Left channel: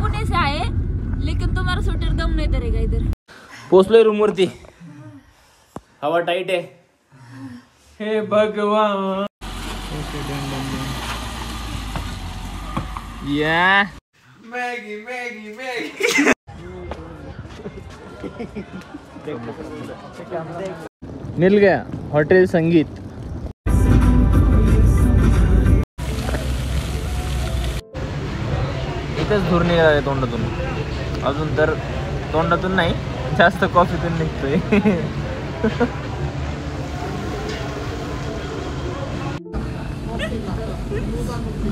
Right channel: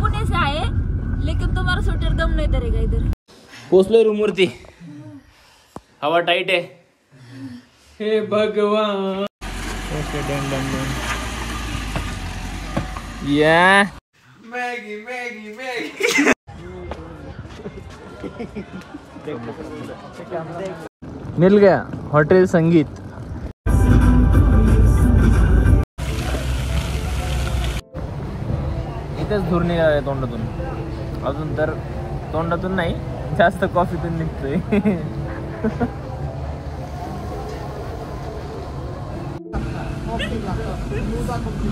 हम पुणे से आए लेकिन तुम्हारा स्वेटर दम नहीं धरेगा इधर। पोचलोय रूम वरती, हवा टाइट आहे। हे भगवान। Okay done done done. या मैगी मैगी मैगी। मिल गया हॉटेल संगीत। इथेच धुरणी आहे तोंडातून, अजून तर तोंडातून नाही, जास्त कॉफीतून निघतोय।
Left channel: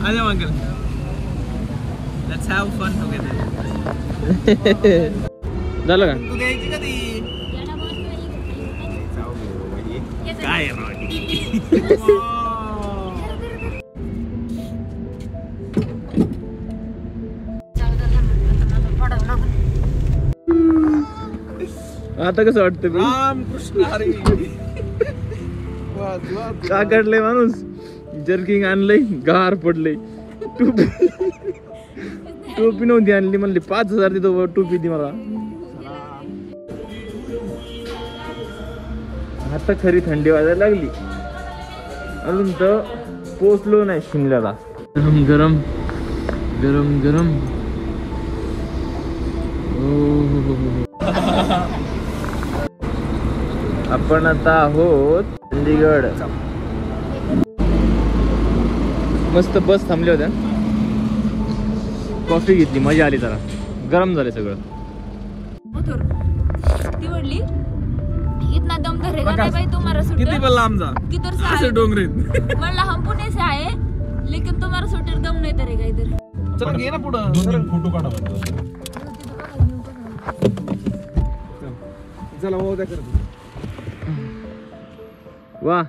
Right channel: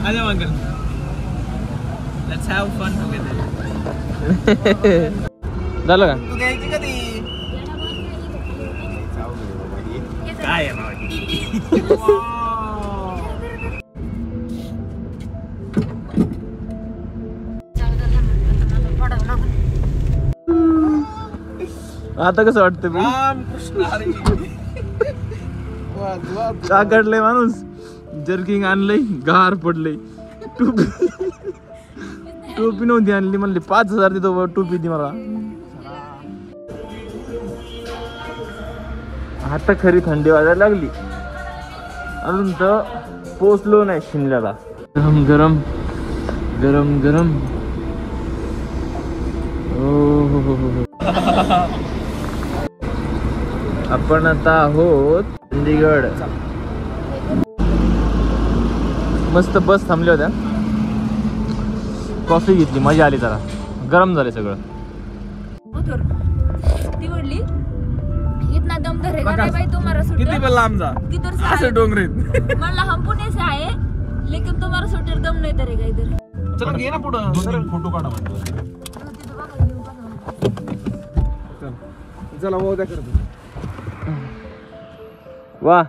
आजा uncle, let's have fun together. झालं का? तू घ्यायची कधी? काय आहे आता कसं वाटतं? रामकृष्ण हरी। का काढलंय माणूस? जर्किंग आणलंय, गार पडलंय, टोपी नव्हती आणली, म्हणली 5000 देतो टोपी ती मला। आता खरी थंडी वाजायला लागली, अजून तर पोचलो नाही शिमल्याला। गरम गरम गरम गरम। आपण आता आहोत चंदीगड। मस्त बस थांबल्या होत्या, कॉफी घेतली, मजा आली, जरा गरम झाले सगळं। ती म्हणली इतना दम धरेगा नहीं भाई तुम्हारा स्वेटर, किती पण लांब जा, किधर से असं डोंगरीत। म्हणला हम पुणे से आए लेकिन तुम्हारा स्वेटर दम नहीं धरेगा इधर। चल घे ना पुढं, 2-3 फोटो काढू। चला वो द्या करतो। वाह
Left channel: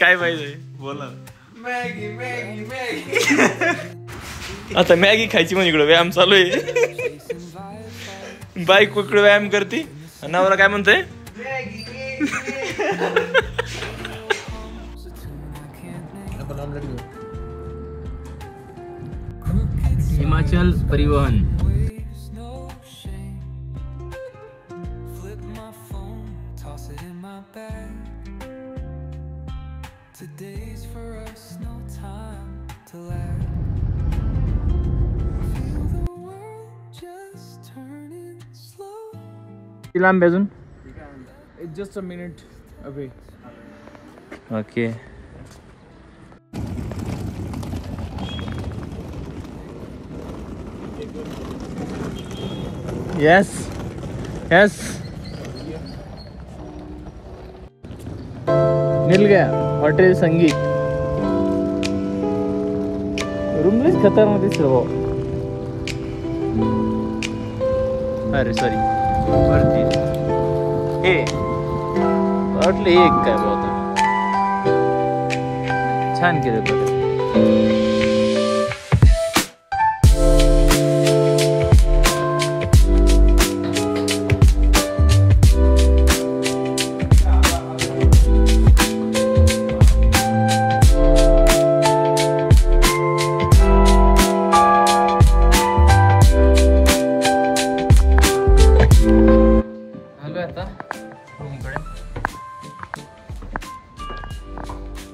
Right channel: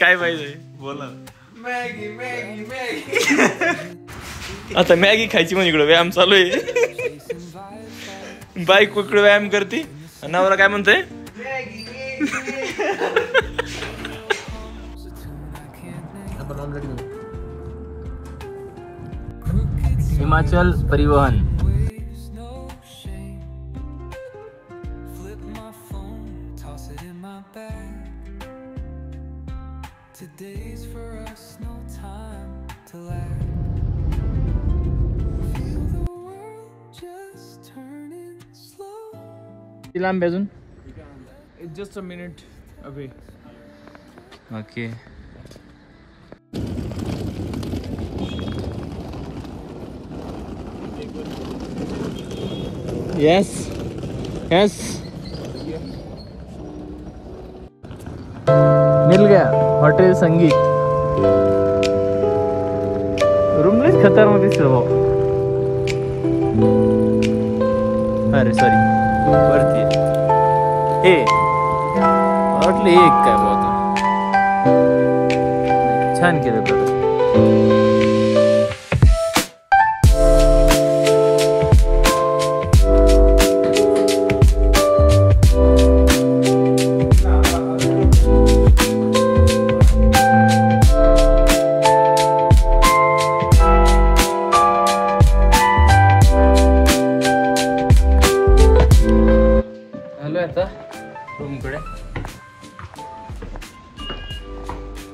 काय पाहिजे बोला। Maggi Maggi Maggi. आता मॅगी खायची म्हणजे इकडे व्यायाम चालू आहे। बाईक इकडे व्यायाम करते, नवरा काय म्हणतोय? हिमाचल परिवहन। Today's for us, no time to lag. Feel the world just turning slow. Kilam bezun? It's just a minute away. Okay. Yes. Yes. मिल गया हॉटेल संगीत। रूम लईच खतरनाक दिसतो हो। अरे सॉरी, वरती हे वाटलं एक काय होता, छान केलं बघा।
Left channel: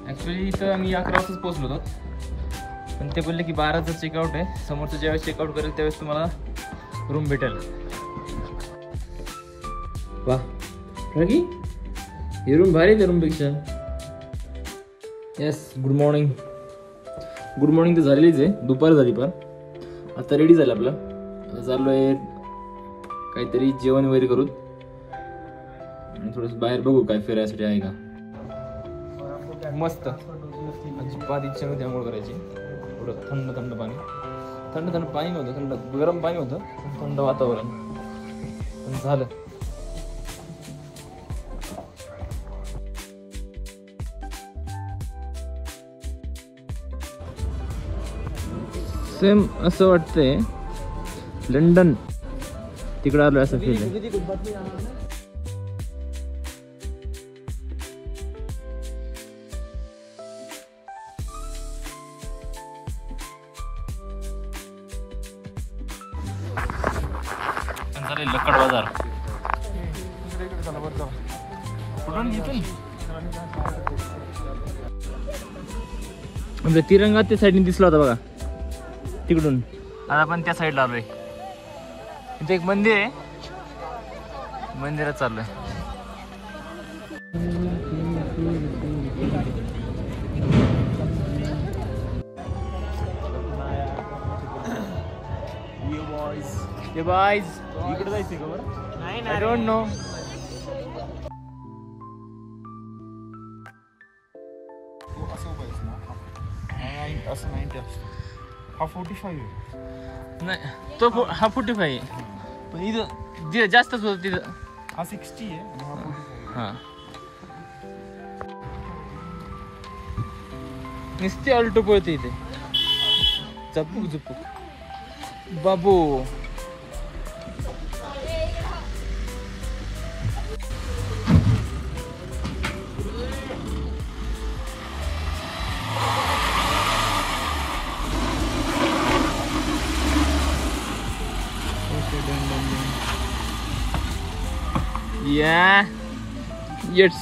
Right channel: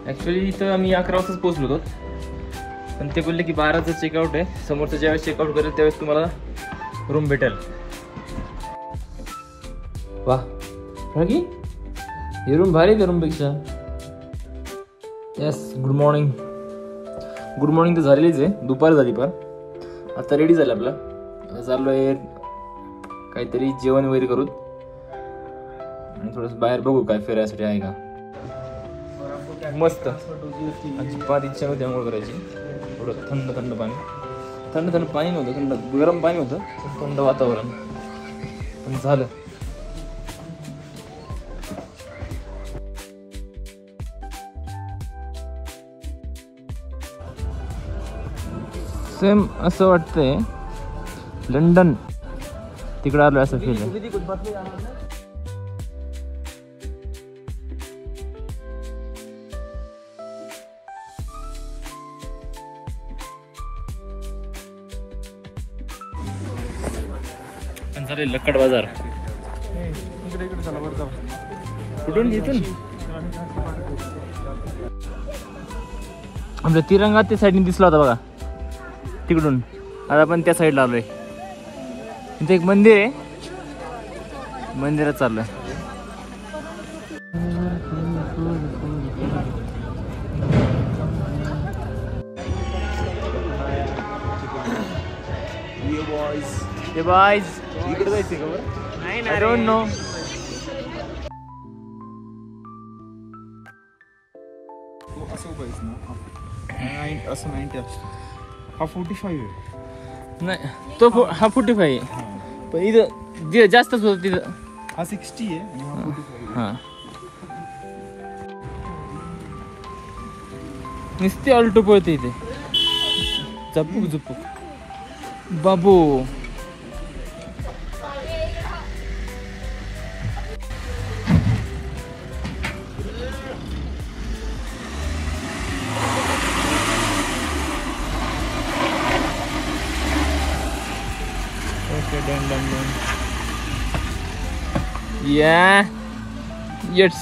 ॲक्च्युली इथं आम्ही 11 वाजताच पोहोचलो होतो, पण ते बोलले की 12चं चेकआउट आहे, समोरचं ज्यावेळेस चेकआउट करेल त्यावेळेस तुम्हाला रूम भेटेल। वा रगी, हे रूम भारी आहे त्या रूमपेक्षा। Yes, good morning. Good morning तर झालेलीच आहे, दुपार झाली, पण आता रेडी झालं आपलं। आता चाललो आहे काहीतरी जेवण वगैरे करू आणि थोडंसं बाहेर बघू काय फिरायसाठी आहे का। मस्त. अजिबात इच्छा नव्हती आंघोळ करायची. थोडं थंड थंड पाणी, थंड थंड पाणी नव्हतं, थंड गरम पाणी होतं, थंड वातावरण पण झालं. सेम असं वाटतंय लंडन तिकडं आलोय असं फील आहे. लक्कड बाजार कुठून इथून आमच्या तिरंगा त्या साईडने दिसला होता बघा तिकडून. आता आपण त्या साईडला आलोय. तिथे एक मंदिर आहे, मंदिरात चाललोय. हे बॉयज इकडे जायचंय का बरं? नाही ना, आय डोंट नो. असं 90 असतो. हा 45 आहे. नाही तो हा 45 आहे, पण इथं जास्तच होतं तिथं. हा 60 आहे आणि हा 45 आहे. हा नुसती ऑल्टो पळते इथे. झपूक झपूक बाबू. Done. Yeah, yes,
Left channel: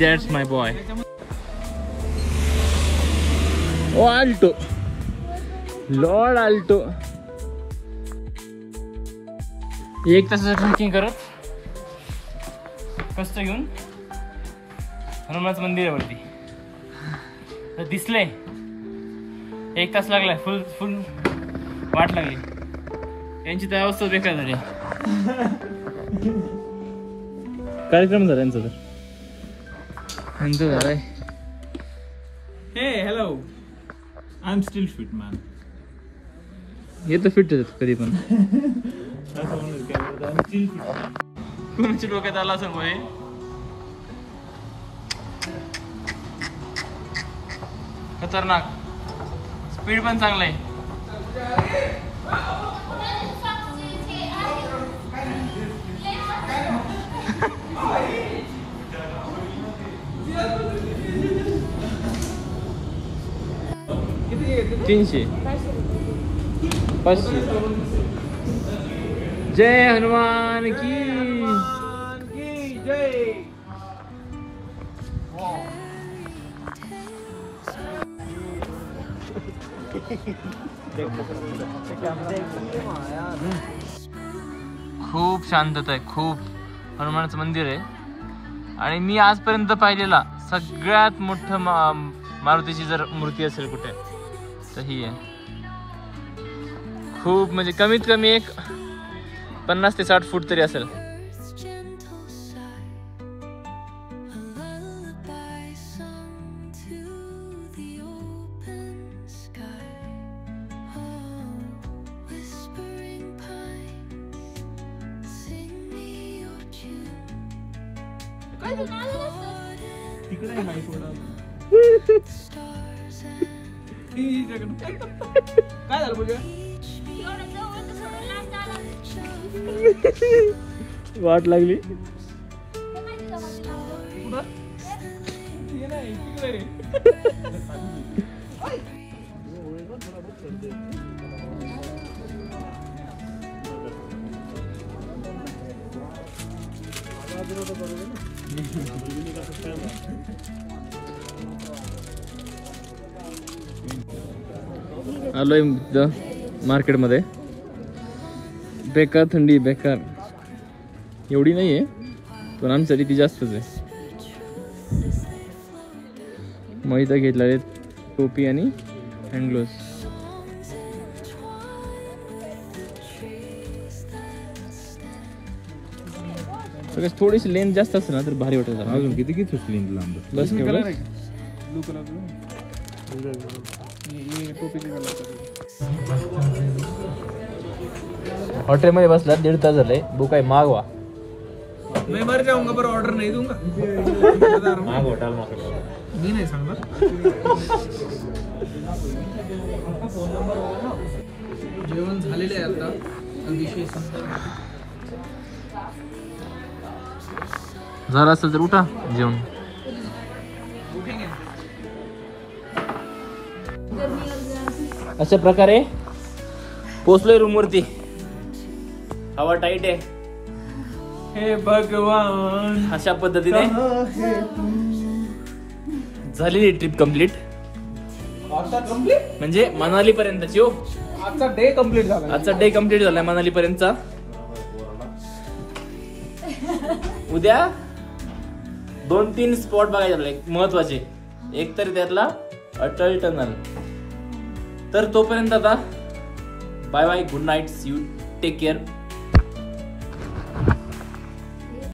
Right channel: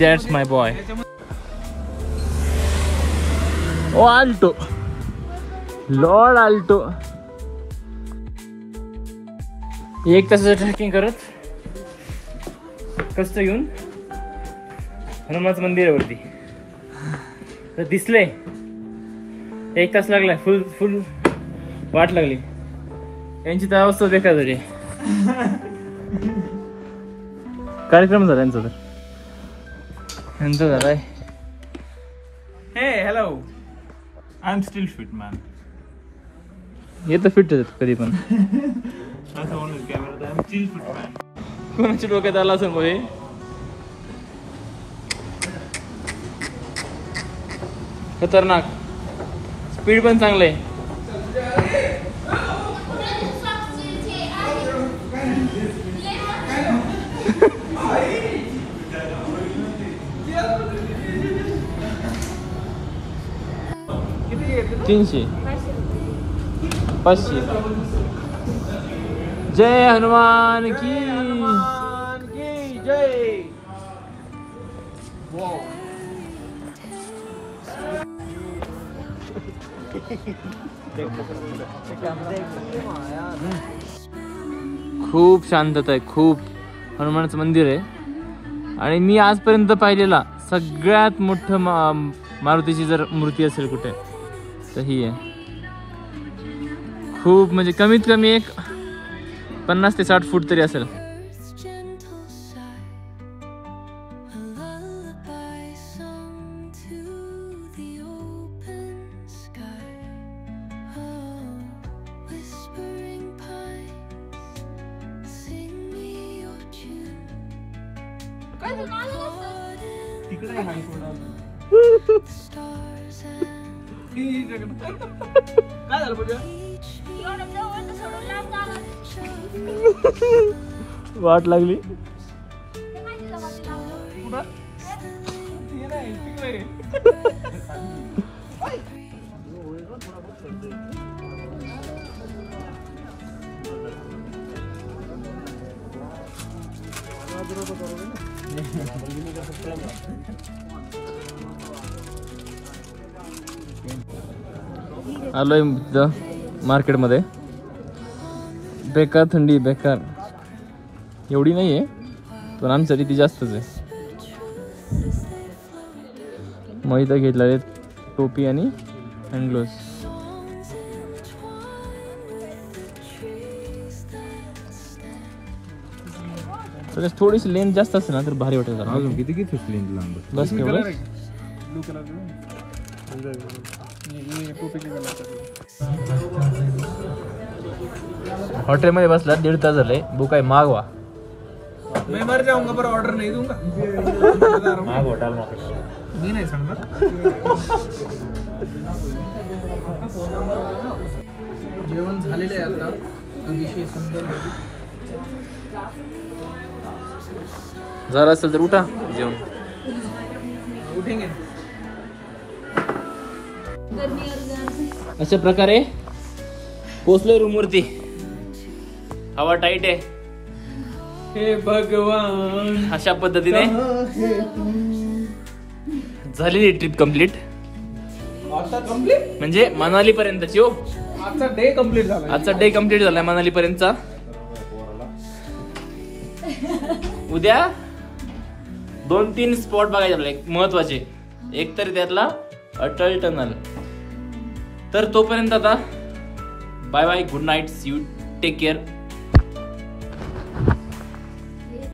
that's my boy. Oh, Alto, Lord Alto. एक तासाचं ट्रेकिंग करत कष्ट घेऊन हनुमानचं मंदिर आहे वरती. तर दिसले 1 तास लागलाय. फुल वाट लागली. यांची तर अवस्था बेकार झाली. कार्यक्रम झाला यांचा. तर यांचा झालाय. Hey, hello. I'm still fit, man. हे तर फिट होतात कधी पण. I'm still fit. कोणाच्या डोक्यात आला असं बोले. खतरनाक. स्पीड पण चांगलं आहे. तीनशे 500. जय हनुमान की जय. खूप शांतता आहे. खूप हनुमानाचं मंदिर आहे आणि मी आजपर्यंत पाहिलेला सगळ्यात मोठं मारुतीची जर मूर्ती असेल कुठे तर ही आहे. खूप म्हणजे कमीत कमी एक 50 ते 60 फूट तरी असेल. तिकडे आहे थोडा. काय झालं पूजा? वाट लागली. आलोय मार्केटमध्ये. बेकार थंडी, बेकार. एवढी नाही आहे पण आमच्यासाठी ती जास्तच आहे. मग इथं घेतलं आहे टोपी आणि हँड ग्लोव्स. सगळ्यात थोडीशी लेंथ जास्त असेल ना तर भारी वाटेल. अजून किती लेंथ लांब बस केवढं ब्लू कलर ये टोपी के कलर हॉटेलमध्ये बसला 1.5 तास झाले. भूक आहे, मागवा. मैं मर जाऊंगा पर ऑर्डर नहीं दूंगा. मी नाही सांगणार. जेवण झालेलं आहे आता. विषय संपला. जरा असेल तर उठा जेवण. उठेंगे. अशा प्रकारे पोचलोय रूम वरती. हवा टाईट आहे. हे भगवान अशा पद्धतीने झालेली ट्रिप कम्प्लीट. आता कंप्लीट म्हणजे मनाली पर्यंतची. हो, आजचा डे कंप्लीट झाला. आजचा डे कम्प्लीट झालाय मनाली पर्यंतचा. उद्या 2-3 स्पॉट बघायचे आपल्याला महत्वाचे. एक तर त्यातला अटल टनल. तर तोपर्यंत आता bye bye, good night, see you, take care.